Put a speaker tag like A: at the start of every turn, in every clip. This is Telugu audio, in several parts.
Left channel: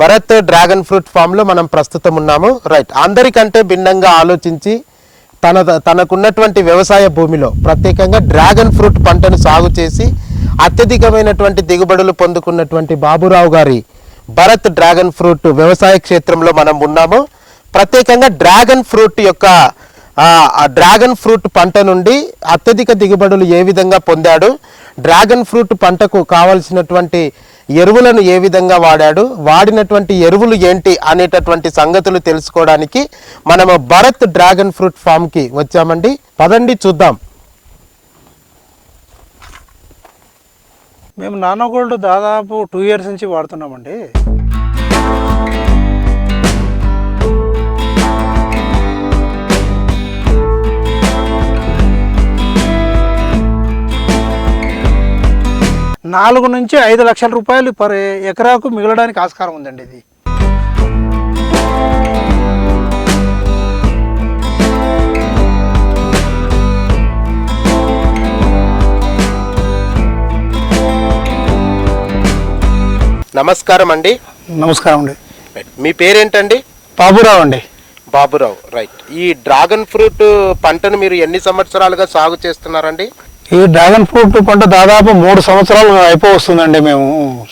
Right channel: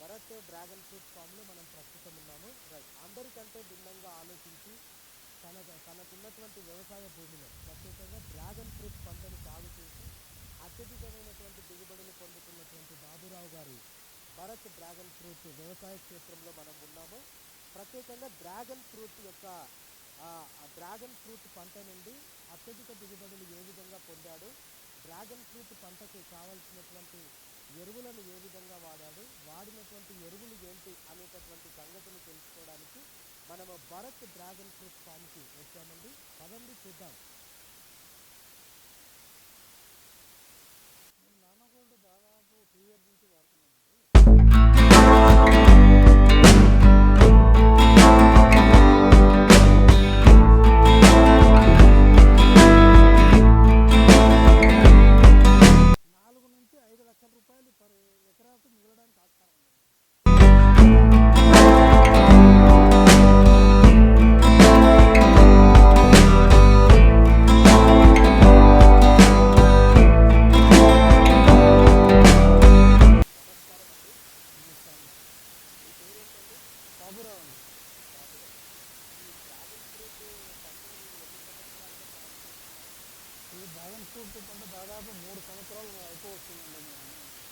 A: భరత్ డ్రాగన్ ఫ్రూట్ ఫామ్లో మనం ప్రస్తుతం ఉన్నాము. రైట్ అందరికంటే భిన్నంగా ఆలోచించి తన తనకున్నటువంటి వ్యవసాయ భూమిలో ప్రత్యేకంగా డ్రాగన్ ఫ్రూట్ పంటను సాగు చేసి అత్యధికమైనటువంటి దిగుబడులు పొందుకున్నటువంటి బాబురావు గారి భరత్ డ్రాగన్ ఫ్రూట్ వ్యవసాయ క్షేత్రంలో మనం ఉన్నాము. ప్రత్యేకంగా డ్రాగన్ ఫ్రూట్ యొక్క డ్రాగన్ ఫ్రూట్ పంట నుండి అత్యధిక దిగుబడులు ఏ విధంగా పొందాడు? డ్రాగన్ ఫ్రూట్ పంటకు కావలసినటువంటి ఎరువులను ఏ విధంగా వాడాడు వాడినటువంటి ఎరువులు ఏంటి అనేటటువంటి సంగతులు తెలుసుకోవడానికి మనము భరత్ డ్రాగన్ ఫ్రూట్ ఫామ్కి వచ్చామండి. పదండి చూద్దాం.
B: మేము నానో గోల్డ్ దాదాపు టూ ఇయర్స్ నుంచి వాడుతున్నామండి. నాలుగు నుంచి ఐదు లక్షల రూపాయలు పర్ ఎకరాకు మిగలడానికి ఆస్కారం ఉందండి ఇది.
A: నమస్కారం అండి.
B: నమస్కారం అండి.
A: మీ పేరేంటండి?
B: బాబురావు అండి.
A: బాబురావు రైట్. ఈ డ్రాగన్ ఫ్రూట్ పంటను మీరు ఎన్ని సంవత్సరాలుగా సాగు చేస్తున్నారండి?
B: ఈ డ్రాగన్ ఫ్రూట్ పంట దాదాపు మూడు సంవత్సరాలు అయిపో వస్తుందండి మేము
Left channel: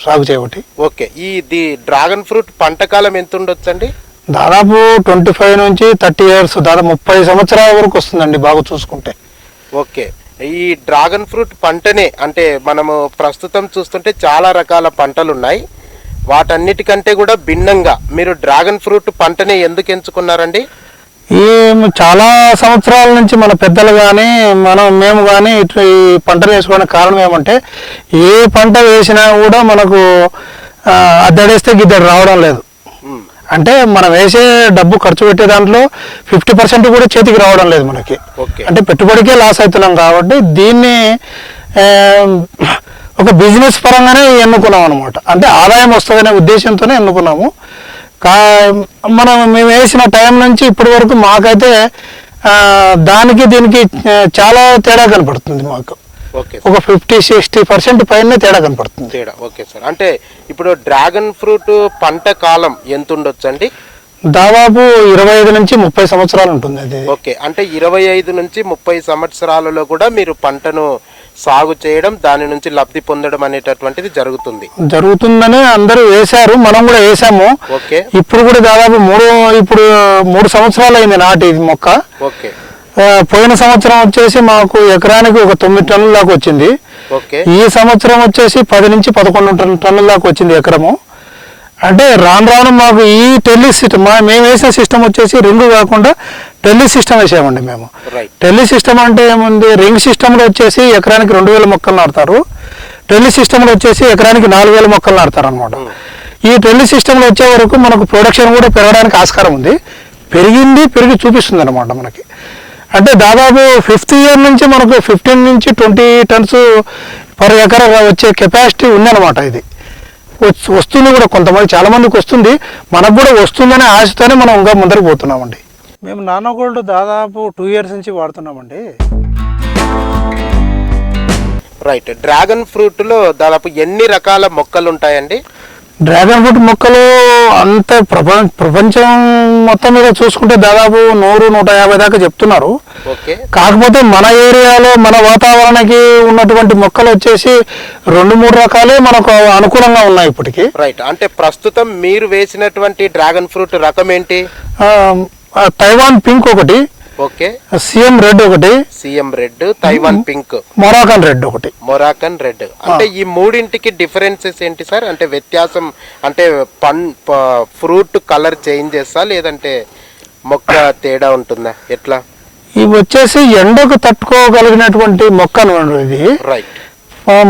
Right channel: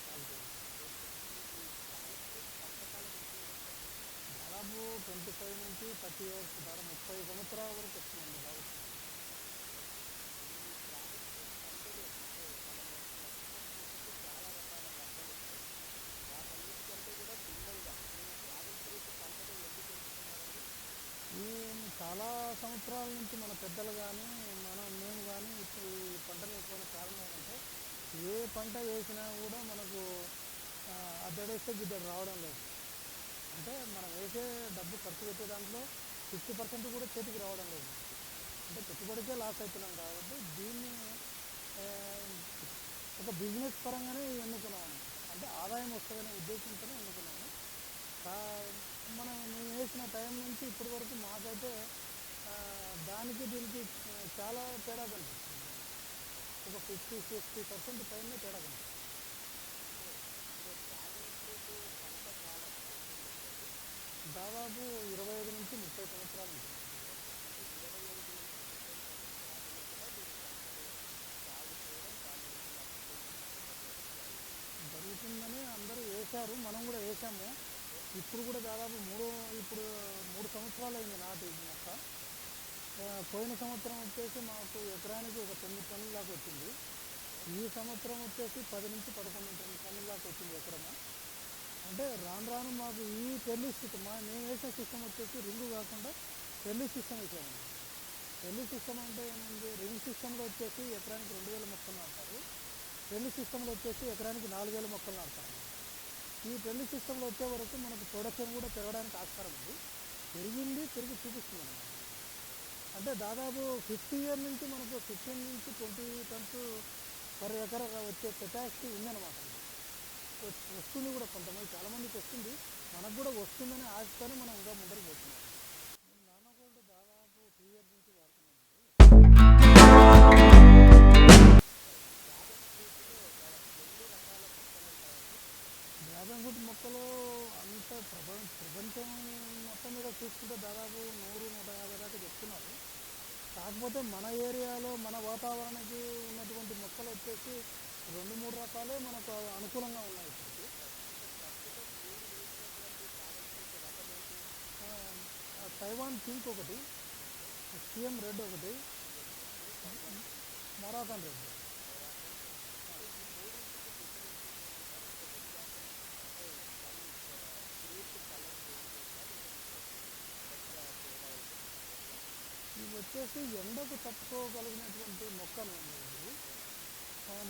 B: సాగు చేయబట్టి.
A: ఓకే ఈ ది డ్రాగన్ ఫ్రూట్ పంట కాలం ఎంత ఉండొచ్చండి
B: దాదాపు ట్వంటీ ఫైవ్ నుంచి థర్టీ ఇయర్స్ దాదాపు ముప్పై సంవత్సరాల వరకు వస్తుందండి బాగా చూసుకుంటే.
A: ఓకే ఈ డ్రాగన్ ఫ్రూట్ పంటనే అంటే మనము ప్రస్తుతం చూస్తుంటే చాలా రకాల పంటలు ఉన్నాయి వాటన్నిటికంటే కూడా భిన్నంగా మీరు డ్రాగన్ ఫ్రూట్ పంటనే ఎందుకు ఎంచుకున్నారండి?
B: ఈ చాలా సంవత్సరాల నుంచి మన పెద్దలు కానీ మనం మేము కానీ ఇట్లా ఈ పంటలు వేసుకోవడానికి కారణం ఏమంటే ఏ పంట వేసినా కూడా మనకు అద్దడేస్తే గిద్దడు రావడం లేదు. అంటే మనం వేసే డబ్బు ఖర్చు పెట్టే దాంట్లో ఫిఫ్టీ పర్సెంట్ కూడా చేతికి రావడం లేదు మనకి.
A: ఓకే.
B: అంటే పెట్టుబడికే లాస్ అవుతున్నాం కాబట్టి దీన్ని ఒక బిజినెస్ పరంగానే ఎన్నుకున్నాం అనమాట అంటే ఆదాయం వస్తుందనే ఉద్దేశంతోనే ఎన్నుకున్నాము. కా మనం మేము వేసిన టైం నుంచి ఇప్పటి వరకు మాకైతే దానికి దీనికి చాలా తేడా కనపడుతుంది మాకు.
A: ఓకే
B: ఒక ఫిఫ్టీ సిక్స్టీ పర్సెంట్ పైన తేడా కనపడుతుంది.
A: తేడా. Okay sir. అంటే ఇప్పుడు డ్రాగన్ ఫ్రూట్ పంట కాలం ఎంత ఉండొచ్చండి?
B: దాదాపు ఇరవై ఐదు నుంచి ముప్పై సంవత్సరాలు ఉంటుంది అది.
A: ఓకే. అంటే ఇరవై ఐదు నుంచి ముప్పై సంవత్సరాలలో కూడా మీరు పంటను సాగు చేయడం దాని నుంచి లబ్ధి పొందడం అనేటటువంటిది జరుగుతుంది.
B: జరుగుతుందని అందరూ వేశారు మనం కూడా వేసాము
A: ఓకే.
B: ఇప్పుడు కూడా దాదాపు మూడు ఇప్పుడు మూడు సంవత్సరాలు అయింది నాటి మొక్క.
A: ఓకే.
B: పోయిన సంవత్సరం వచ్చేసి మాకు ఎకరానికి ఒక తొమ్మిది టన్నుల దాకా వచ్చింది. ఈ సంవత్సరం వచ్చేసి పది నుంచి పదకొండు టన్- టన్నుల దాకా వచ్చింది ఎకరము. అంటే రాను రాను మాకు ఈ టెల్లి సిస్టమ్ మేము వేసిన సిస్టమ్ వచ్చేసి రింగ్ కాకుండా టెల్లి సిస్టమ్ వేసామండి మేము. టెల్లి సిస్టమ్ అంటే ఏముంది? రింగ్ సిస్టంలో వచ్చేసి ఎకరానికి రెండు వేల మొక్కలు నాటుతారు. టెల్లి సిస్టంలో వచ్చేసి ఎకరానికి నాలుగు వేల మొక్కలు నాటుతారు అనమాట ఈ టెల్లి సిస్టంలో వచ్చే వరకు మనకు ప్రొడక్షన్ కూడా పెరగడానికి ఆస్కారం ఉంది. పెరిగింది పెరిగి చూపిస్తుంది అనమాట మనకి. అంటే దాదాపు ఫిఫ్త్ ఇయర్ నుంచి మనకు ఫిఫ్టీన్ నుంచి ట్వంటీ టన్స్ పర్ ఎకర్ వచ్చే కెపాసిటీ ఉందన్నమాట ఇది. వస్తు- వస్తుంది కూడా కొంతమంది చాలా మందికి వస్తుంది. మనకు కూడా వస్తుందనే ఆశతోనే మనం ఇంకా ముందరికి పోతున్నామండి. మేము నానో గోల్డ్ దాదాపు టూ ఇయర్స్ నుంచి వాడుతున్నామండి.
A: రైట్. డ్రాగన్ ఫ్రూట్లో దాదాపు ఎన్ని రకాల మొక్కలు ఉంటాయండి?
B: డ్రాగన్ ఫ్రూట్ మొక్కలు అంత ప్రపంచ ప్రపంచం మొత్తం మీద చూసుకుంటే దాదాపు నూరు నూట యాభై దాకా చెప్తున్నారు.
A: ఓకే.
B: కాకపోతే మన ఏరియాలో మన వాతావరణానికి ఉన్నటువంటి మొక్కలు వచ్చేసి రెండు మూడు రకాలే మనకు అనుకూలంగా ఉన్నాయి ఇప్పటికి.
A: రైట్. అంటే ప్రస్తుతం మీరు వేసినటువంటి డ్రాగన్ ఫ్రూట్ రకం ఏంటి?
B: తైవాన్ పింక్ ఒకటి
A: ఓకే.
B: సిఎం రెడ్ ఒకటి
A: CM red Taiwan pink
B: Moroccan red ఒకటి.
A: మొరాకన్ రెడ్ అంటే ఈ మూడింటికి డిఫరెన్సెస్ ఏంటి సార్? అంటే వ్యత్యాసం అంటే పన్ ఫ్రూట్ కలర్ చేంజ్ చేస్తా లేదంటే మొక్క తేడా ఉంటుందా? ఎట్లా?
B: ఇవి వచ్చేసి ఎండకు తట్టుకోగలిగినటువంటి మొక్క ఇది.
A: రైట్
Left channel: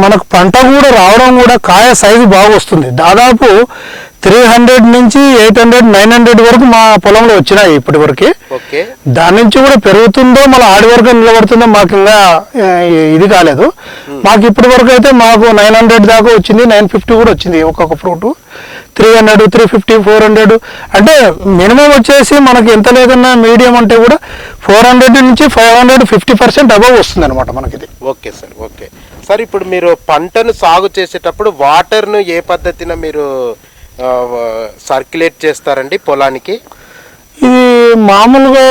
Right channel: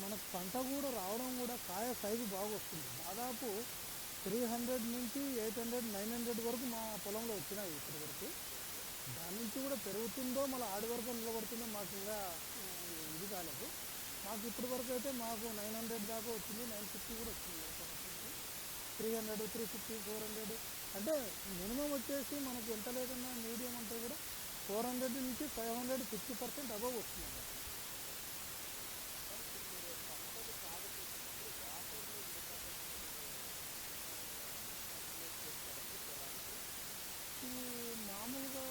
B: మనకు పంట కూడా రావడం కూడా కాయ సైజు బాగా వస్తుంది దాదాపు త్రీ హండ్రెడ్ నుంచి ఎయిట్ హండ్రెడ్ నైన్ హండ్రెడ్ వరకు మా పొలంలో వచ్చినాయి ఇప్పటి వరకు దాని నుంచి కూడా పెరుగుతుందో మళ్ళీ ఆడి వరకు నిలబడుతుందో మాకు ఇంకా ఇది కాలేదు. మాకు ఇప్పటి వరకు అయితే మాకు నైన్ హండ్రెడ్ దాకా వచ్చింది నైన్ ఫిఫ్టీ కూడా వచ్చింది ఒక్కొక్క fruit. Three hundred three fifty four hundred అంటే మినిమం వచ్చేసి మనకి ఎంత లేదన్నా మీడియం అంటే కూడా ఫోర్ హండ్రెడ్ నుంచి five hundred fifty percent above వస్తుంది అనమాట మనకి ఇది
A: ఓకే సార్ ఓకే. సార్ ఇప్పుడు మీరు పంటను సాగు చేసేటప్పుడు వాటర్ను ఏ పద్ధతిన మీరు సర్క్యులేట్ చేస్తారండి పొలానికి?
B: ఇది మామూలుగా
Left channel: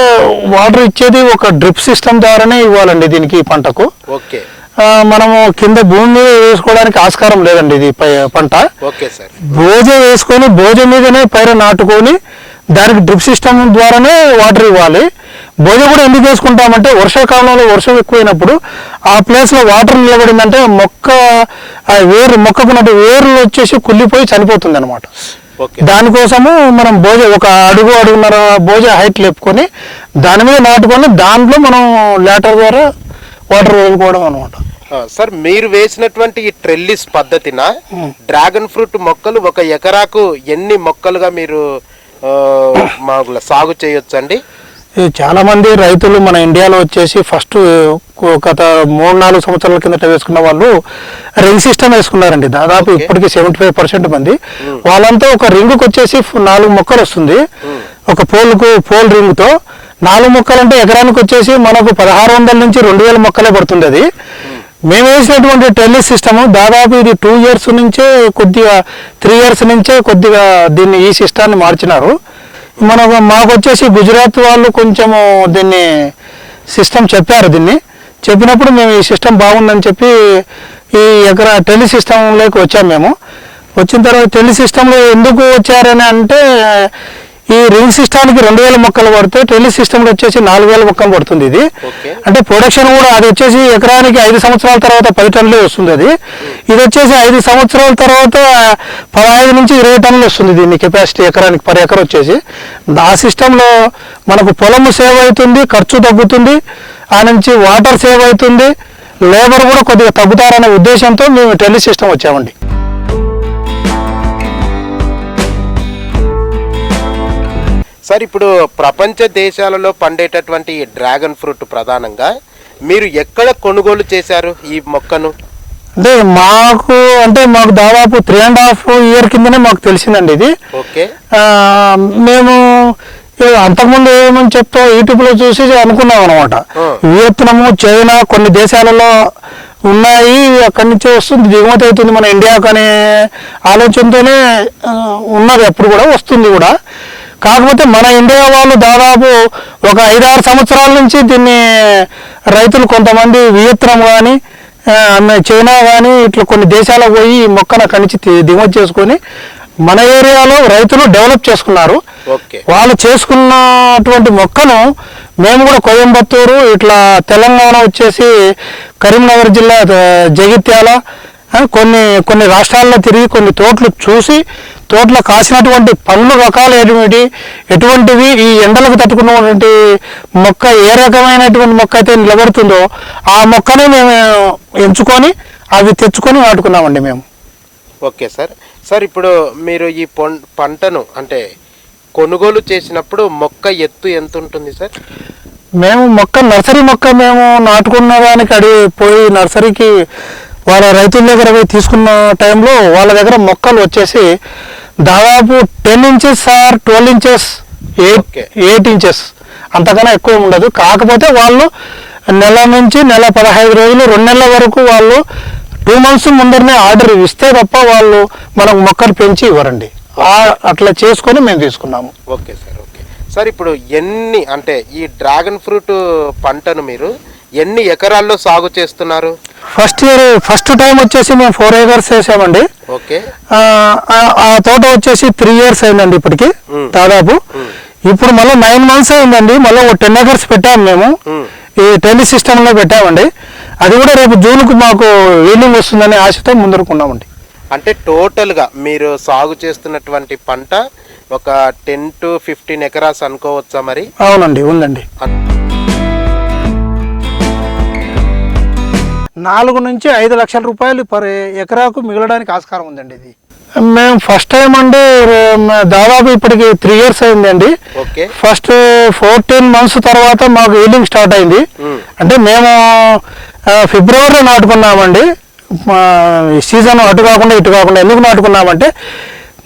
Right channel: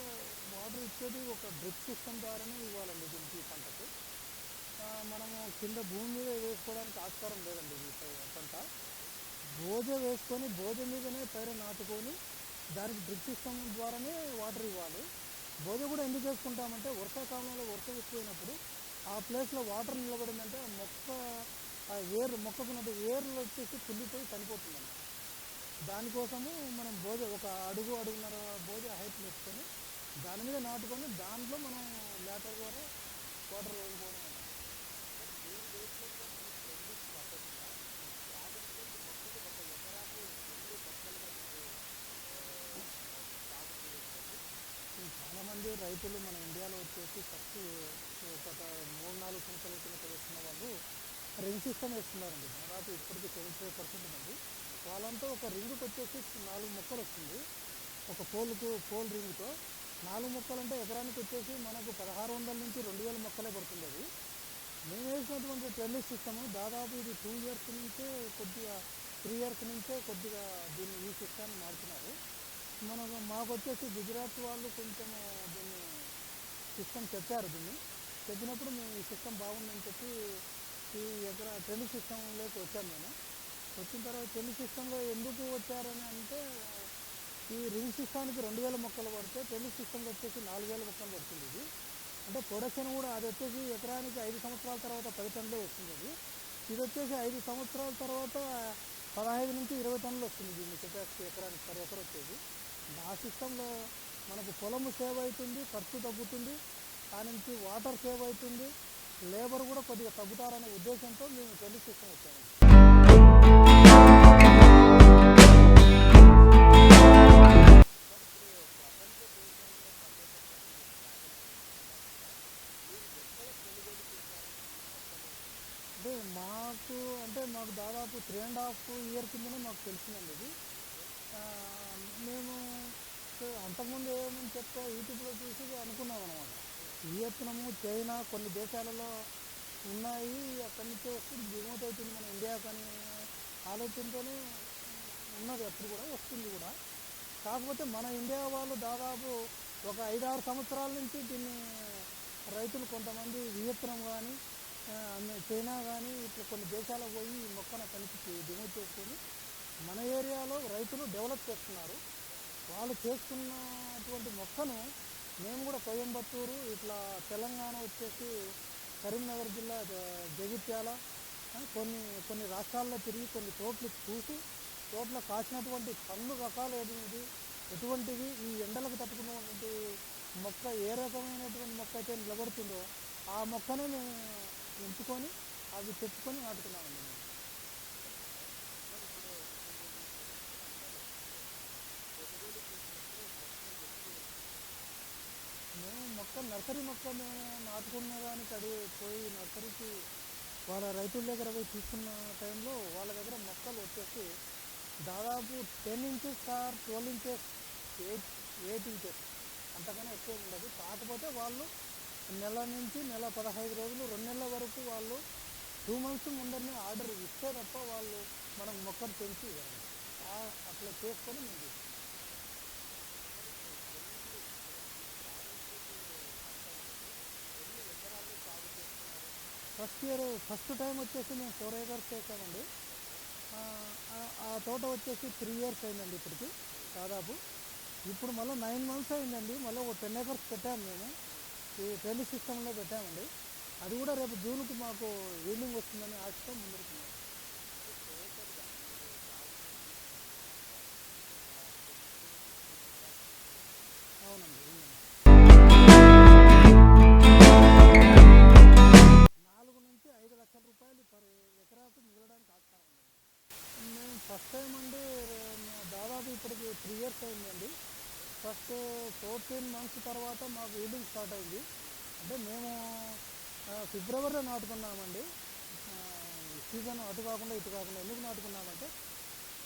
B: వాటర్ ఇచ్చేది ఒక డ్రిప్ సిస్టమ్ ద్వారానే ఇవ్వాలండి దీనికి పంటకు.
A: ఓకే.
B: మనము కింద భూమి మీద వేసుకోవడానికి ఆస్కారం లేదండి ఇది పంట.
A: Okay sir.
B: బోజ వేసుకొని బోజ మీదనే పైర నాటుకొని దానికి డ్రిప్ సిస్టమ్ ద్వారానే వాటర్ ఇవ్వాలి. బోజ కూడా ఎందుకు వేసుకుంటామంటే వర్షాకాలంలో వర్షం ఎక్కువైనప్పుడు ఆ ప్లేస్లో వాటర్ నిలబడిందంటే మొక్క ఆ వేరు మొక్కకున్నట్టు వేర్లు వచ్చేసి కుళ్ళిపోయి చనిపోతుంది అనమాట
A: ఓకే.
B: దానికోసము మనం బోజ ఒక అడుగు అడుగున్నర బోజ హైట్ లేపుకొని దాని మీద నాటుకొని దాంట్లో మనం లేటర్ ద్వారా వాటర్ వదులుకోవడం అనమాట
A: సార్ మీరు వేసినటువంటి ఈ ట్రెల్లిస్ పద్ధతిన డ్రాగన్ ఫ్రూట్ మొక్కలు ఒక ఎకరాకు ఎన్ని మొక్కలుగా మీరు మాకు సాగు చేయొచ్చండి?
B: ఈ చాలా మంది రైతులు మన ఇండియాలో వచ్చేసి ఫస్ట్ గత మూడు నాలుగు సంవత్సరాల కిందట వేసుకున్న వాళ్ళు రింగ్ సిస్టమ్ వేసుకున్నారండి. దాదాపు. ఇప్పటికి సెవెంటీ ఫైవ్ పర్సెంట్ మంది. వాళ్ళంతా ఒక రింగ్కి వచ్చేసి నాలుగు మొక్కలు వస్తుంది. ఒక పోల్కు పోల్ రింగ్తో. నాలుగు మొక్కలు అంటే ఎకరానికి వచ్చేసి మనకు పదహారు వందల నుంచి రెండు వేల మొక్కలే పడుతుంది అది. మేము. వేసినటువంటి టెల్లిస్ సిస్టమ్ దాదాపు ఇది టూ ఇయర్స్ నుంచే కొద్దిగా త్రీ ఇయర్స్ నుంచే కొద్దిగా దీన్ని ఈ సిస్టాన్ని మార్చినారు. మన మాకు వచ్చేసి గుజరాత్ వాళ్ళు కొంచెము దీన్ని సిస్టమ్ చెప్పారు దీన్ని. చెప్పినప్పుడు మేము ఈ సిస్టమ్ బాగుందని చెప్పి ఈ ఎకరా టెలి సిస్టంలోకి వచ్చాము మేము. వచ్చిన తర్వాత టెలి సిస్టంలో ఎందుకు వచ్చారని అంటే ఈ రింగ్ సిస్టానికి రెండు వేల మొక్కలు పడితే టెలి సిస్టంలో వచ్చేసి నాలుగు వేల మొక్కలు పడుతుంది ఇది. అంటే ప్రొడక్షన్ కూడా అది వచ్చేసి ఎకరానికి ఐదు సంవత్సరాల తర్వాత పది టన్నులే వస్తుంది అది. ఇది వచ్చేసి ఐదు సంవత్సరాల తర్వాత పదహైదు నుంచి ఇరవై టన్నులు వస్తుంది దీని కెపాసిటీ ఎకరానికి పర్ ఎకర్ వచ్చేసి. ఆ సిస్టంలో మనకు పొలము సేవ్ అవుతుంది ఖర్చు తగ్గుతుంది ఆ నుంచి వాటర్ సేవ్ అవుతుంది లేబర్ కూడా కొద్దిగా తగ్గుతారనే ఉద్దేశంతో మేము టెలి సిస్టమ్ వచ్చామండి.
A: సార్ ఇప్పుడు ప్రపంచ దేశాలలో పండేటటువంటి ఈ డ్రాగన్ ఫ్రూట్ ప్రధానంగా మీరు ఎక్కడ కొనుగోలు చేశారు ఈ మొక్కను?
B: అంటే మాకు అంటే మాకు దాదాపు త్రీ అండ్ హాఫ్ ఇయర్ కిందనే మాకు తెలిసిందండి ఇది.
A: ఓకే.
B: మేము అంతకుముందు ఏమని చెప్తా యూట్యూబ్లో చూసి అనుకున్నాం అనమాట. వియత్నము చైనా కొన్ని దేశాలలో ఉన్నాయి అక్కడి నుంచే వస్తుంది దిగుమతి అవుతుంది మన ఇండియాకు అనే ఆలోచనతోనే ఉన్నది అప్పుడు కూడా వస్తుంది కూడా. కాకపోతే మన ఇండియా వాళ్ళు దాదాపు ఒక ఐదారు సంవత్సరాల నుంచి దీన్ని రైతులు కొంతమంది వియత్నం కానీ చైనా కానీ ఇట్లా కొన్ని దేశాలకు పోయి ఈ మొక్కను అక్కడి నుంచి ది- దిగుమతి చేసుకొని మన ఏరియాలో రైతులు డెవలప్ చేసుకున్నారు. వాళ్ళు చేసుకున్నటువంటి మొక్కను మేము కూడా కోయంబత్తూరు ఇట్లా తెలంగాణ వచ్చేసి కరీంనగర్ జిల్లా జగిత్యాల కొన్ని కొన్ని రాష్ట్రాల్లో తిరిగి కొన్ని తోటలు చూసి తోటలో కాసినటువంటి పండ్లు రకాలు ఎటువంటి ఎటువంటివి ఈ ఎండలకు తట్టుకున్నటువంటి మొక్క ఏ రకమైనటువంటి మొక్క అయితే నిలబడుతుందో ఆ మొక్కనే మేము ఎంచుకొని అవి తెచ్చుకొని నాటుకున్నామండి మేము.
A: Okay sir. సార్ ఇప్పుడు మీరు ఈ పంటను అంటే కొనుగోలు చేసినప్పుడు మొక్క ఎత్తు ఎంత ఉంటుంది సార్?
B: మేము మొక్క నర్సరీ మొక్క మేము నాటుకున్న దానికి అడిగి పోయి నర్సరీకి వాళ్ళ రైతుల దగ్గర పోయి తీసుకున్న టైంలో వాళ్ళ దగ్గర మొక్కలు వచ్చేసి దాదాపు ten inches or twelve inches eight. Eight inches. అంతకన్నా ఎక్కువ ఉండదు. కాకపోతే వాళ్ళు నెల నుంచి నెల పదహైదు రోజులు రెండు నెలల వరకు వాళ్ళు టూ మంత్స్ ముందరనే ఆర్డర్ ఇస్తే తప్ప వాళ్ళు మనకు మొక్కలు పెంచి ఇవ్వరండి. అట్లా చేసుకొని మేము తీసుకున్నాము.
A: Okay sir okay. సార్ ఇప్పుడు ఎన్ని అంటే ఈ డ్రాగన్ ఫ్రూట్ పంటను మీరు ఎన్ని ఎకరాల్లో సాగు చేస్తున్నారు?
B: ఫస్ట్ ఇయర్ ఫస్ట్ టైం వచ్చేసి మేము ఫోర్ ఏకర్స్ వేసామండి
A: ఓకే.
B: ఆ, తోట వచ్చేసి త్రీ ఇయర్స్ అయిందండి ఇప్పటికి. దాదాపు. ఇప్పుడు మళ్ళీ నైన్ మంత్స్ అయిందండి మళ్ళీ ఒక టెన్ ఏకర్స్ పెట్టాము మేము.
A: మ్మ్.
B: ఈ టెలి సిస్టంలో పెట్టామండి. అది కూడా రేపు జూన్కు మాకు ఈల్డింగ్ వస్తుందనే ఆశతో ముందరుకున్నామండి.
A: అంటే టోటల్గా మీరు సాగు చేస్తున్నటువంటి పంట ఒక టెన్ టు ఫిఫ్టీన్ ఎకరాస్ అనుకోవచ్చా మరి?
B: అవునండి ఉందండి. నాలుగు నుంచి ఐదు లక్షల రూపాయలు పర్ ఎకరాకు మిగలడానికి ఆస్కారం ఉందండి ఇది. మేము ఫస్ట్ టైం అండి మ- దాదాపు ఇప్పటికి త్రీ ఇయర్స్ అయిందండి. ఫస్ట్ ఫోర్టీన్ మంత్స్ తర్వాత మాకు ఈల్డింగ్ స్టార్ట్ అయింది. అంటే మేము ఫిబ్రవరిలో నాటుకున్నామండి. సీజన్ అటు కాకుండా ఇటు కాకుండా ఎందుకు నాటుకున్నామంటే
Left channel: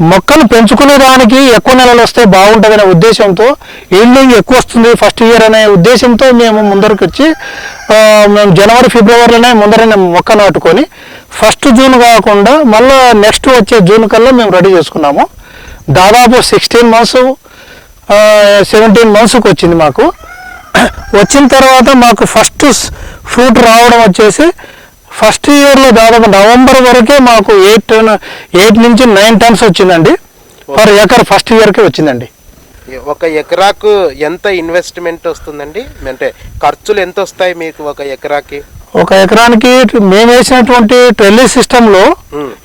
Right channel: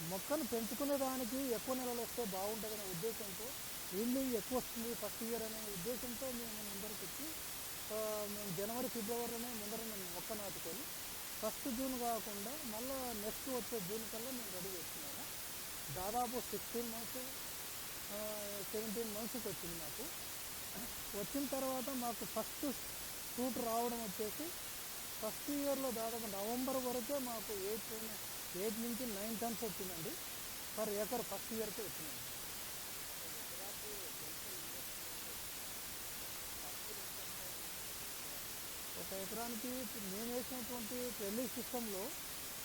B: మొక్కలు పెంచుకునే దానికి ఎక్కువ నెలలు వస్తే బాగుంటుందనే ఉద్దేశంతో ఈల్డింగ్ ఎక్కువ వస్తుంది ఫస్ట్ ఇయర్ అనే ఉద్దేశంతో మేము ముందరకు వచ్చి మేము జనవరి ఫిబ్రవరిలోనే ముందరనే మొక్క నాటుకొని ఫస్ట్ జూన్ కాకుండా మళ్ళీ నెక్స్ట్ వచ్చే జూన్ కల్లా మేము రెడీ చేసుకున్నాము. దాదాపు సిక్స్టీన్ మంత్స్ సెవెంటీన్ మంత్స్కి వచ్చింది మాకు. వచ్చిన తర్వాత మాకు ఫస్ట్ ఫ్రూట్ రావడం వచ్చేసి ఫస్ట్ ఇయర్లో దాదాపు నవంబర్ వరకే మాకు ఎయిట్ ఎయిట్ నుంచి నైన్ టన్స్ వచ్చిందండి. పర్ ఎకర్ ఫస్ట్ ఇయర్కే వచ్చిందండి.
A: ఒక ఎకరాకు ఎంత ఇన్వెస్ట్మెంట్ వస్తుందండి? అంటే ఖర్చులు ఎంత వస్తాయి మీకు ఒక ఎకరాకి?
B: ఒక ఎకరానికి మేము వేసినటువంటి ట్రెల్లీ సిస్టంలో.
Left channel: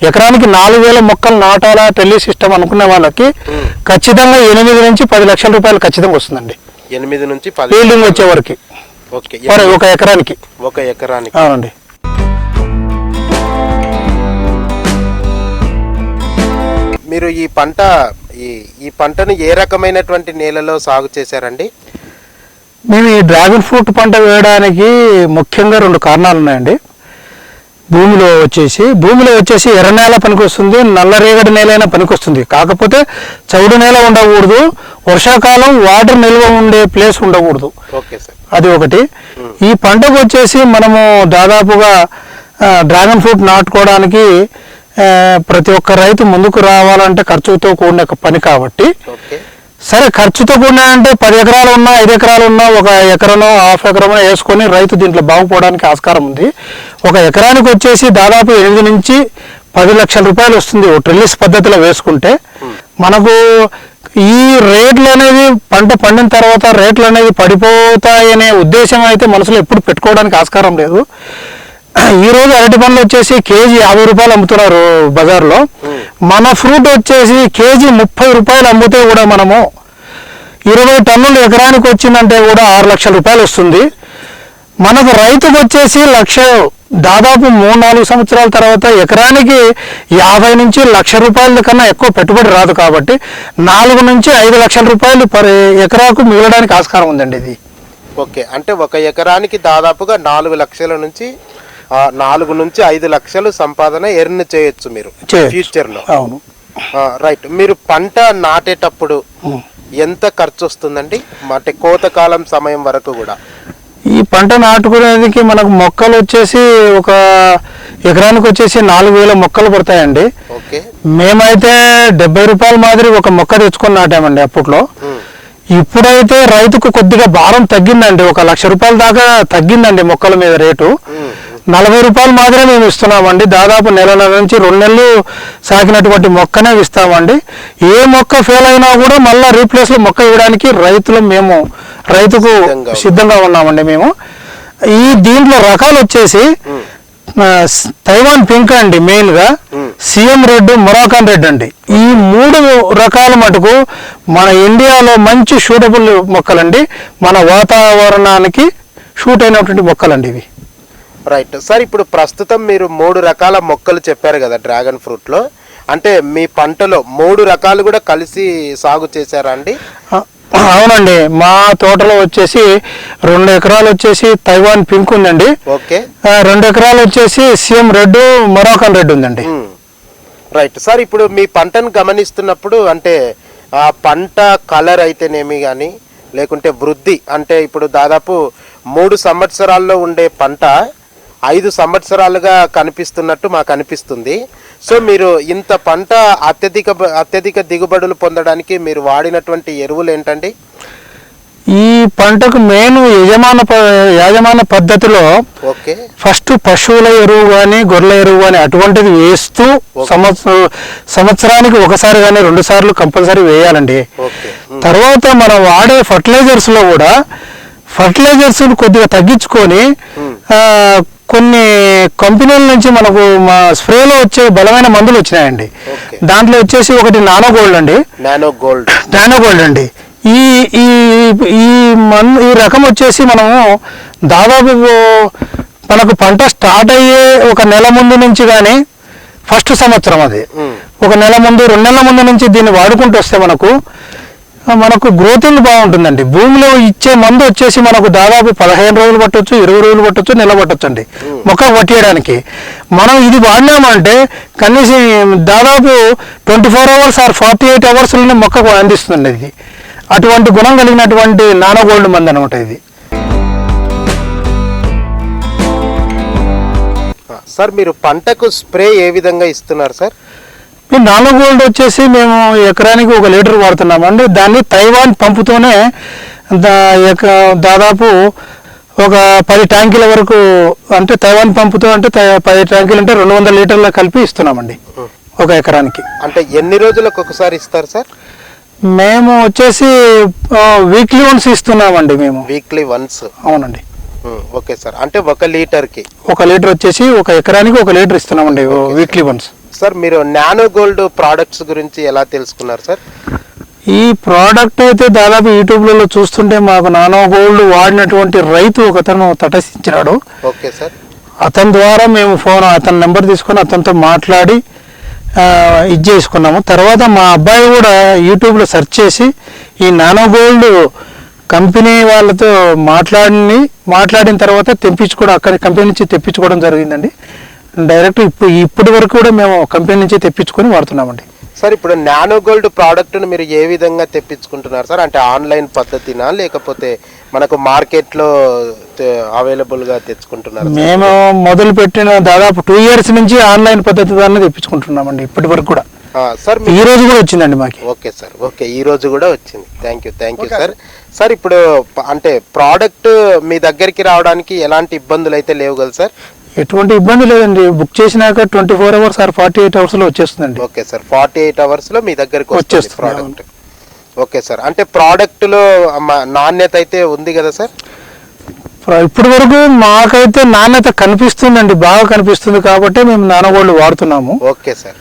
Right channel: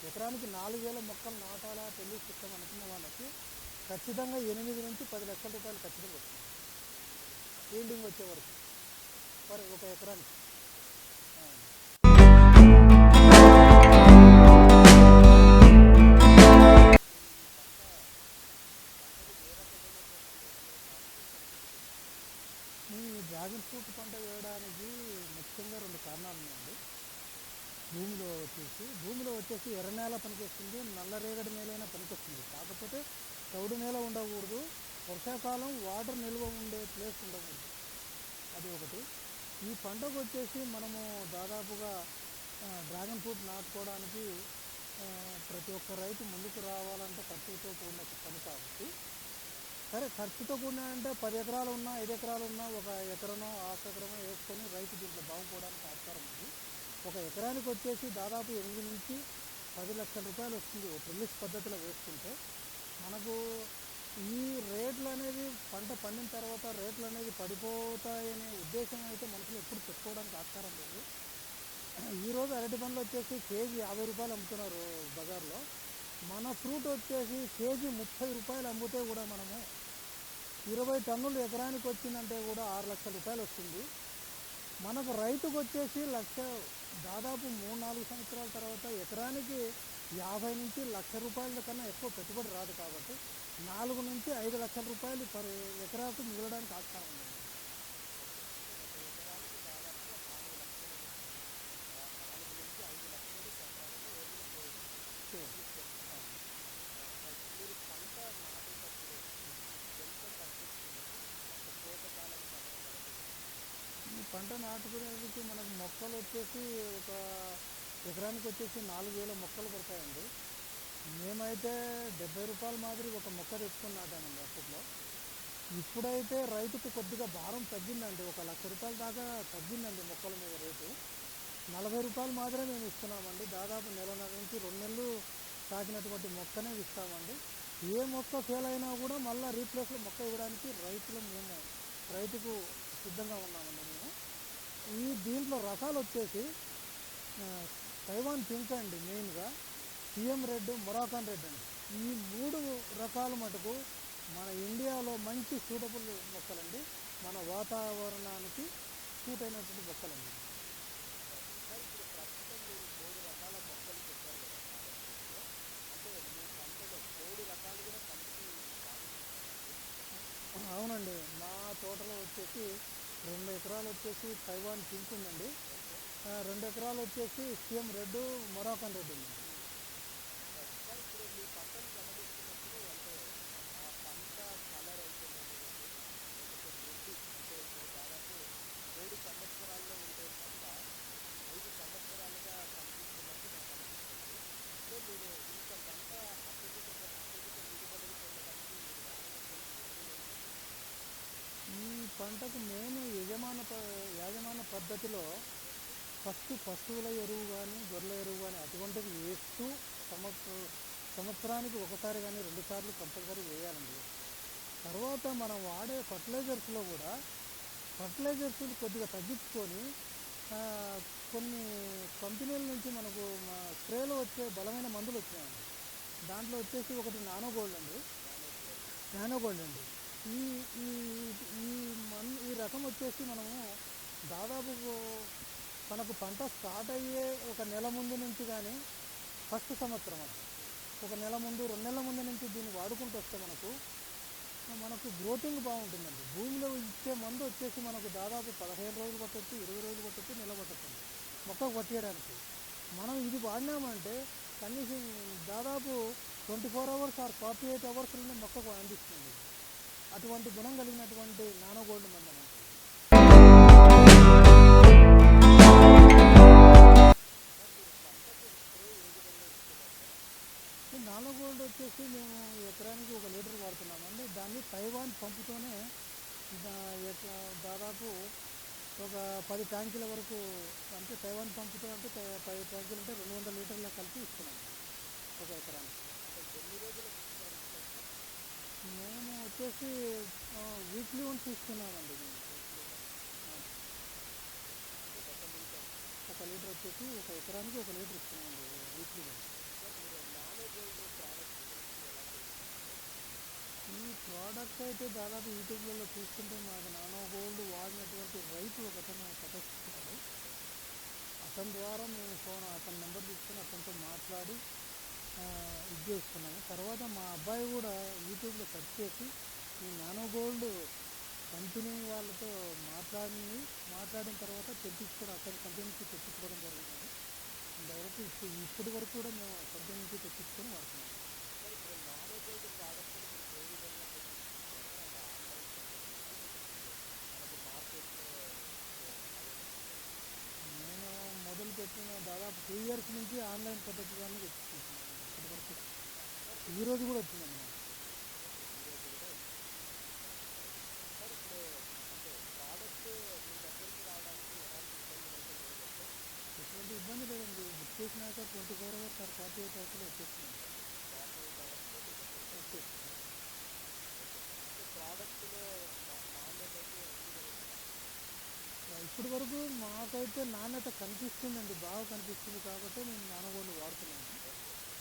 B: ఎకరానికి నాలుగు వేల మొక్కలు నాటాలా ట్రెల్లీ సిస్టమ్ అనుకునే వాళ్ళకి. ఖచ్చితంగా ఎనిమిది నుంచి పది లక్షల రూపాయలు ఖచ్చితంగా వస్తుందండి.
A: ఎనిమిది నుంచి
B: ఫీల్డింగ్ వచ్చే వరకు. ఒక ఎకరానికి.
A: ఒక ఎకరానికి.
B: అవునండి.
A: మీరు ఈ పంట ఈ ఈ పంటను ఏ రకమైనటువంటి నేలలో సాగు చేశారండి?
B: మేము ఈ డ్రాగన్ ఫ్రూట్ పంట వేయడానికి ముఖ్యంగా రెండు కారణాలు ఉన్నాయండి. భూమిలో వచ్చేసి భూమిలో వచ్చేసి ఎర్ర నేల పనికొస్తుంది నల్లరేగడి నేల అయినా పనికొస్తుంది. కాకపోతే చౌడు నేల ఉండకూడదు వర్షాకాలం వాటర్ నిల్వ ఉండే ప్లేస్ ఉండకూడదు. అది ఒకటి. ఈ పంటకు వచ్చేసి మనము దాదాపుగా డ్రాగన్ ఫ్రూట్ నాటుకోవడానికి ప్రతి ఒక్క రైతు ముందుకు రావాలంటే ఖర్చుతో కూడిన పని కాబట్టి. సరే ఖర్చుతో కూడిన అంటే పది ఎకరాలు ఉన్నా ఐదు ఎకరాలు ఉన్నా ఒక ఎకరనో హాఫ్ ఎకరమో వేసుకొని రైతు దీంట్లో బాగుపోవడానికి ఆస్కారం ఉంది. ఒక ఎకరానికి వచ్చేసి దాదాపు ఎనిమిది నుంచి పది లక్షల రూపాయలు వస్తుంది ట్రిల్లిస్ పద్ధతిలో వేసుకుంటే. మనకు ఈ రేట్లు అనేది పంట పండిన తర్వాత రేట్లు అనేది పడిపోతాయనే ఉద్దేశం అయితే మనసులో ఎప్పుడు పెట్టుకోవడానికి ఆస్కారం లేదు. ఈ రోజు అరటి పండ్లు వచ్చేసి కేజీ యాభై రూపాయలు అమ్ముతున్నారు బజార్లో. మన ఫ్రూట్ వచ్చేసి కేజీ ముప్పై రూపాయలు అమ్మితే కూడా మనము ఇరవై టన్నులు ఎకరానికి వచ్చిందంటే కూడా ఆరు లక్షల రూపాయలు వస్తుంది. మనకు రైతుకు వచ్చేసి లక్ష దాదాపు మూడు నాలుగు సంవత్సరాల తర్వాత ఎకరానికి యాభై నుంచి లక్ష రూపాయల కన్నా ఎక్కువ పెట్టుబడి రాదు కాబట్టి నాలుగు నుంచి ఐదు లక్షల రూపాయలు పర్ ఎకరాకు మిగలడానికి ఆస్కారం ఉందండి ఇది.
A: ఓకే. అంటే ఒక ఎకరానికి దాదాపుగా నాలుగు లక్షల నుంచి నాలుగు నుంచి ఐదు లక్షలు సంపాదన ఎర్న్ చేయొచ్చు మీరు. ఫ్యూచర్లో
B: అవును.
A: రైట్. మీరు పంట నాటేటప్పుడు. ఎంత ఖర్చు వస్తుందండి అంటే కోతకాలం సమయం వరకు కూడా.
B: ఈ పంట నాటుకునేందుకు మనకు మొక్కలు వచ్చేసి ఒక ఎకరానికి వచ్చేసి నాలుగు వేల మొక్కలు పడతాయండి. మేమైతే డెబ్బై రూపాయల మాదిరి ఒక మొక్క తెచ్చుకొని నాటామండి అప్పట్లో. ఇప్పుడైతే రైతుకు కొద్దిగా భారం తగ్గిందండి. ఒక లక్ష రూపాయల దాకా తగ్గిందండి మొక్కల మీద రేటు. నలభై రూపాయలు మాత్రమే మేము ఇస్తున్నామండి. దాదాపు నెలల నుంచి రెండు నెలలు సాకినటువంటి మొక్కనే ఇస్తామండి. ఏ మొక్క ఫెయిల్ అయినా కూడా మళ్ళీ రీప్లేస్లో మొక్క ఇవ్వడానికి రైతులు మేము రైతుకు
A: సిద్ధంగా
B: ఉన్నామండి మేము. ఈ దీంట్లో రకాలు వచ్చేసి తైవాన్ పింక్ అండి మెయిన్గా. సీఎం రెడ్ మొరాకాన్ రెడ్ అండి. ఈ మూడు రకాల మటుకు మన ఇండియాలో మంచి షూటబుల్ మొక్కలండి. మన వాతావరణానికి షూట్ అయినటువంటి మొక్కలండి ఇవి.
A: రైట్ సార్ ఇప్పుడు ప్రస్తుతం మీరు మూడు రకాల మొక్కలు చెప్పారు కదా డ్రాగన్ ఫ్రూట్లో అంటే మీ పంటలో మూడు రకాలు కూడా కలిసి సాగు చేశారా అండి?
B: అవునండి. మా తోటలో వచ్చేసి రెండు ఎకరాలు వచ్చేసి తైవాన్ పింక్ ఉందండి.
A: ఓకే.
B: రెండు ఎకరాలు వచ్చేసి సీఎం రెడ్ మొరాకన్ రెడ్ ఉందండి.
A: రైట్ సార్ ఇప్పుడు మీ పంటను గమనిస్తున్నప్పుడు అంటే ఆ పంట కలర్ అయితేనేమి కానీ లేకుంటే వృద్ధి అంటే ఇప్పుడు దాదాపు మూడు సంవత్సరాల్లో ఉండే పంట ఐదు సంవత్సరాలుగా కనిపిస్తున్నట్టు మాకు అనిపిస్తుంది. సో మీరు ఇంత పంట అత్యధిక అత్యధిక దిగుబడులు పొందడానికి మీరు వాడినటువంటి ఎరువులు ఏంటండి?
B: ఈ పంటకు మెయిన్ యజమాన యాజమాన పద్ధతిలో
A: ఓకే.
B: ఫస్ట్ పశువుల ఎరువు కానీ గొర్రెల ఎరువు కానీ అటువంటిది వేస్తూ సంవత్సరం సంవత్సరానికి ఒకసారి కానీ రెండు సార్లు కంపల్సరీ వేయాలండి. తర్వాత మనం వాడే ఫర్టిలైజర్స్లో కూడా ఫర్టిలైజర్స్ కొద్దిగా తగ్గించుకొని కొన్ని కంపెనీల నుంచి మనకు మా స్ప్రేలో వచ్చే బలమైన మందులు వచ్చినాయండి. దాంట్లో వచ్చేసి ఒకటి నానో గోల్డ్ అండి.
A: Nano gold.
B: నానో గోల్డ్ అండి. ఈ ఈ ఈ మన్ ఈ రకం వచ్చేసి మనము దాదాపు మనకు పంట స్టార్ట్ అయ్యే ఒక నెల ముందు నుంచి కానీ ఫస్ట్ సంవత్సరం అది. ఒక నెల ముందు రెండు నెలల ముందు నుంచి దీన్ని వాడుకుంటూ వస్తే మనకు మనకు గ్రోతింగ్ బాగుంటుందండి. భూమిలో ఇచ్చే మందు వచ్చేసి మనకు దాదాపు పదిహేను రోజులు పట్టొచ్చు ఇరవై రోజులు పట్టొచ్చు నెల పట్టొచ్చు అండి మొక్క పట్టేయడానికి. మనం ఇది వాడినామంటే కనీసం దాదాపు twenty four hours or forty eight అవర్స్లోనే మొక్కకు అందిస్తుంది ఇది. అటువంటి గుణం కలిగినటువంటి నానో గోల్డ్ మంది అనమాట ఇది.
A: సార్ మీరు పంటకు స్ప్రే ఏ విధంగా ఇస్తున్నారు సార్?
B: నానో గోల్డ్ వచ్చేసి మేము ఎకరానికి ఒక లీటర్ వాడుతున్నామండి దాన్ని తైవాన్ పంపుతోనే దాదాపు ఒక పది ట్యాంకీల వరకు అంటే తైవాన్ పంపుతో అంటే పది ట్యాంకీలు అంటే రెండు వందల లీటర్ల కలిపి ఇస్తున్నామండి ఒక ఎకరానికి.
A: అంటే ఎన్ని రోజులకు ఒకసారి ఇస్తారు సార్?
B: మేము వచ్చేసి వీక్లీ వన్స్ ఇస్తున్నామండి మేము.
A: వీక్లీ వన్స్
B: అవునండి.
A: ఓకే సార్ అంటే ఒక లీటర్కి.
B: ఒక లీటర్ వచ్చేసి ఒక ఎకరానికి ఒక లీటర్ ఇస్తున్నామండి వీక్లీ వన్స్.
A: సార్ మీరు నానో గోల్డ్ ప్రోడక్ట్స్ గురించి ఎలా తెలుసుకున్నారు సార్
B: ఈ ప్రోడక్ట్ అయితే దాదాపు యూట్యూబ్లలో చూస్తుంటే మాకు నానో గోల్డ్ వాడినటువంటి రైతు ఒకతను తటస్థించినాడు.
A: ఓకే సార్
B: అతని ద్వారా మేము ఫోన్ అతని నెంబర్ తీసుకొని అతనితో మాట్లాడి ఇది చేసుకున్నాము. తర్వాత మా అబ్బాయి కూడా యూట్యూబ్లో సెర్చ్ చేసి ఈ నానో గోల్డ్ కంపెనీ వాళ్ళతో మాట్లాడి మాట్లాడిన తర్వాత తెప్పించుకోవడం అక్కడి కంపెనీ నుంచి తెప్పించుకోవడం జరిగిందండి. డైరెక్ట్ ఇప్పుడు ఇప్పటి వరకు కూడా మేము కంపెనీ నుంచి తెప్పించుకొని వాడుతున్నామండి.
A: సార్ ఇప్పుడు నానో గోల్డ్ ప్రోడక్ట్ను మీరు ఏ విధంగా తెప్పించుకుంటున్నారు సార్? అంటే ఆన్లైన్ పద్ధతినా లేకపోతే మనకు మార్కెట్లో అవైలబుల్గా తెచ్చుకుంటున్నారు
B: మేము మొదలు పెట్టిన దాదాపు టూ ఇయర్స్ నుంచి ఆన్లైన్ పద్ధతి ద్వారా తెప్పించుకుంటున్నామండి ఇప్పటి వరకు కూడా.
A: సార్ మీ
B: ఈ రోజు కూడా వచ్చిందండి మాకు.
A: ఓకే సార్ ఓకే ఈ రోజు కూడా వచ్చింది. Thank you thank you sir. Sir ఇప్పుడు అంటే ప్రోడక్ట్ మీ దగ్గరికి రావడానికి ఎలాంటి ఇబ్బందులు అయితే లేవు కదా సార్?
B: ఎటువంటి ఇబ్బంది లేదండి. బుక్ చేసినాక twenty four hours or forty eight అవర్స్లో వచ్చేస్తుందండి.
A: ఓకే సార్ ఫార్టీ ఎయిట్ అవర్స్లో మీ దగ్గరికి వస్తుంది
B: వచ్చేస్తుంది,
A: ప్రోడక్ట్ ఓకే సార్ అంటే ప్రోడక్ట్లో మ- నాణ్యత అయితే ఉంది కదా సార్?
B: ఇప్పటి వరకు మాకైతే నాణ్యత కనిపిస్తుందండి బాగా కనిపిస్తుంది కాబట్టి మేము నానగోళ్ళు వాడుతున్నాము.
A: Okay sir.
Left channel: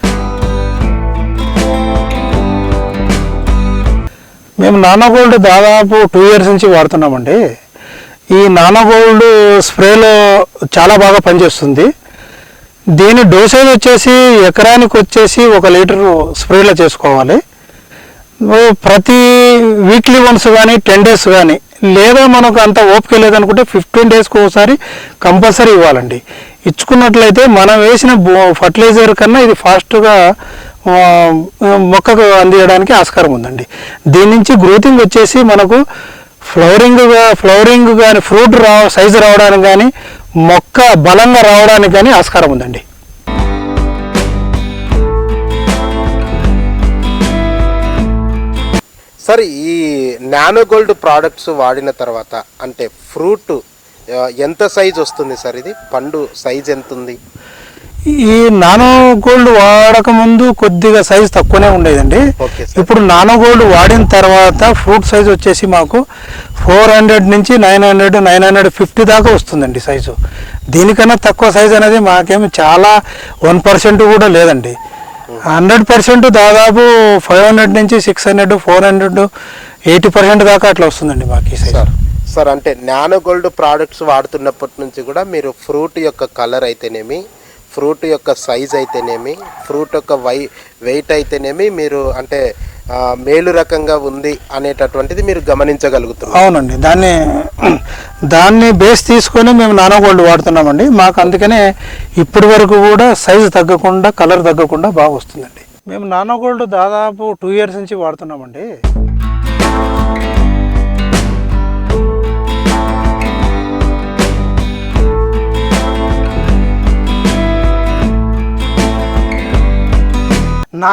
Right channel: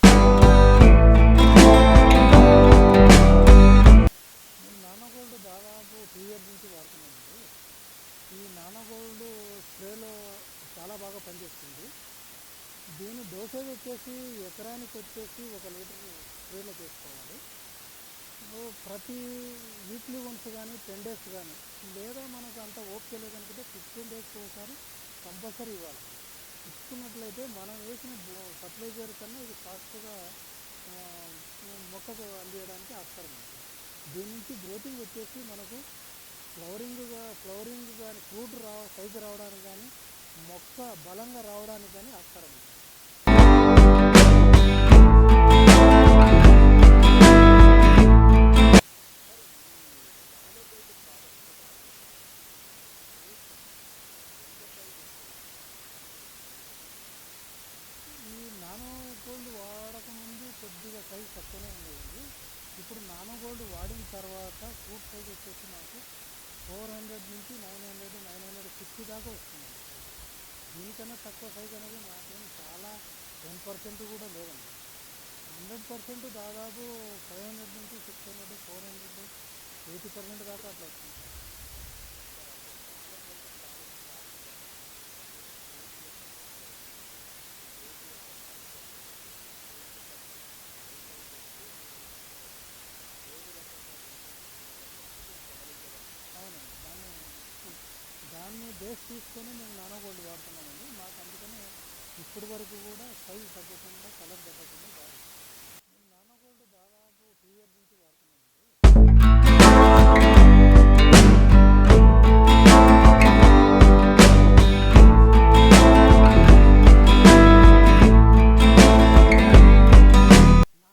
B: మేము నానోగోల్డ్ దాదాపు టూ ఇయర్స్ నుంచి వాడుతున్నామండి. ఈ నానోగోల్డ్ స్ప్రేలో చాలా బాగా పనిచేస్తుంది. దీని డోసేజ్ వచ్చేసి ఎకరానికి వచ్చేసి ఒక లీటర్ స్ప్రేలో చేసుకోవాలి. ప్రతి వీక్లీ వన్స్ కానీ టెన్ డేస్ కానీ లేదా మనకు అంత ఓపిక లేదనుకుంటే ఫిఫ్టీన్ డేస్కి ఒకసారి కంపల్సరీ ఇవ్వాలండి. ఇచ్చుకున్నట్లయితే మనం వేసిన ఫర్టిలైజర్ కన్నా ఇది ఫాస్ట్గా మొక్కకు అందించడానికి ఆస్కారం ఉందండి. దీని నుంచి గ్రోతింగ్ వచ్చేసి మనకు ఫ్లవరింగ్ ఫ్లవరింగ్ కానీ ఫ్రూట్ రా సైజు రావడానికి కానీ మొక్క బలంగా రావడానికి కానీ ఆస్కారం ఉందండి.
A: సార్ ఈ నానో గోల్డ్ ప్రోడక్ట్స్ వాడిన తర్వాత అంటే ఫ్రూట్ ఎంత సైజ్ వస్తుంది సార్ ఇది? పండు సైజ్ ఎంత ఉంది
B: ఈ నానో గోల్డ్ వాడక ముందు కొద్దిగా సైజ్ తక్కువనే ఉండేదండి. ఇప్పుడు నానో గోల్డ్ వాడిన తర్వాత ఫ్రూట్ సైజ్ వచ్చేసి మాకు ఫోర్ హండ్రెడ్ నుంచి nine hundred nine hundred fifty దాకా వస్తుందండి సైజు దీనికన్నా తక్కువ సైజ్ అనేది మాకేమి చాలా వన్ పర్సెంట్ కూడా లేదండి. హండ్రెడ్ పర్సెంట్ దాదాపు ఫైవ్ హండ్రెడ్ నుంచి six hundred four hundred eighty percent దాకా అట్లా వస్తుందండి మాకు ఈ సైజ్
A: సార్ సార్ అంటే నానో గోల్డ్ ప్రోడక్ట్స్ వాడుతున్నప్పటి నుంచి కూడా మీరు ఫ్రూట్ యొక్క కలర్ అయితేనేమి ఫ్రూట్ యొక్క సైజ్ అయితేనేమి ఫ్రూట్ యొక్క వై వెయిట్ అయితేనేమి మీరు అంటే మేలు రకంగా ఉంది అనేటటువంటిది మీరు గమనించగలుగుతున్నారు.
B: అవునండి. దాన్ని దాన్ని బేస్ తీసుకొని మేము నానో గోల్డ్ వాడుతున్నామండి. మాకు అందుకనే ఇప్పటి వరకు కూడా సైజు తగ్గకుండా కలర్ తగ్గకుండా బాగా వస్తుందండి. మేము నానో గోల్డ్ దాదాపు టూ ఇయర్స్ నుంచి వాడుతున్నామండి.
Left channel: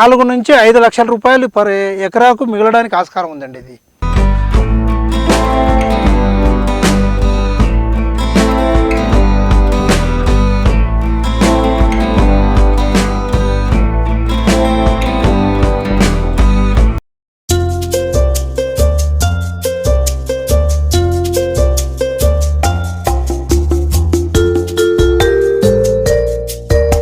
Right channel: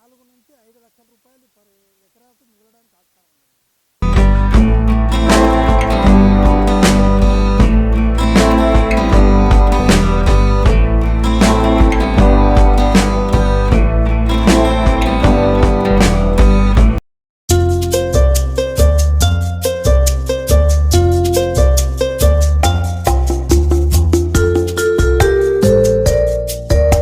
B: నాలుగు నుంచి ఐదు లక్షల రూపాయలు పర్ ఎకరాకు మిగలడానికి ఆస్కారం ఉందండి ఇది.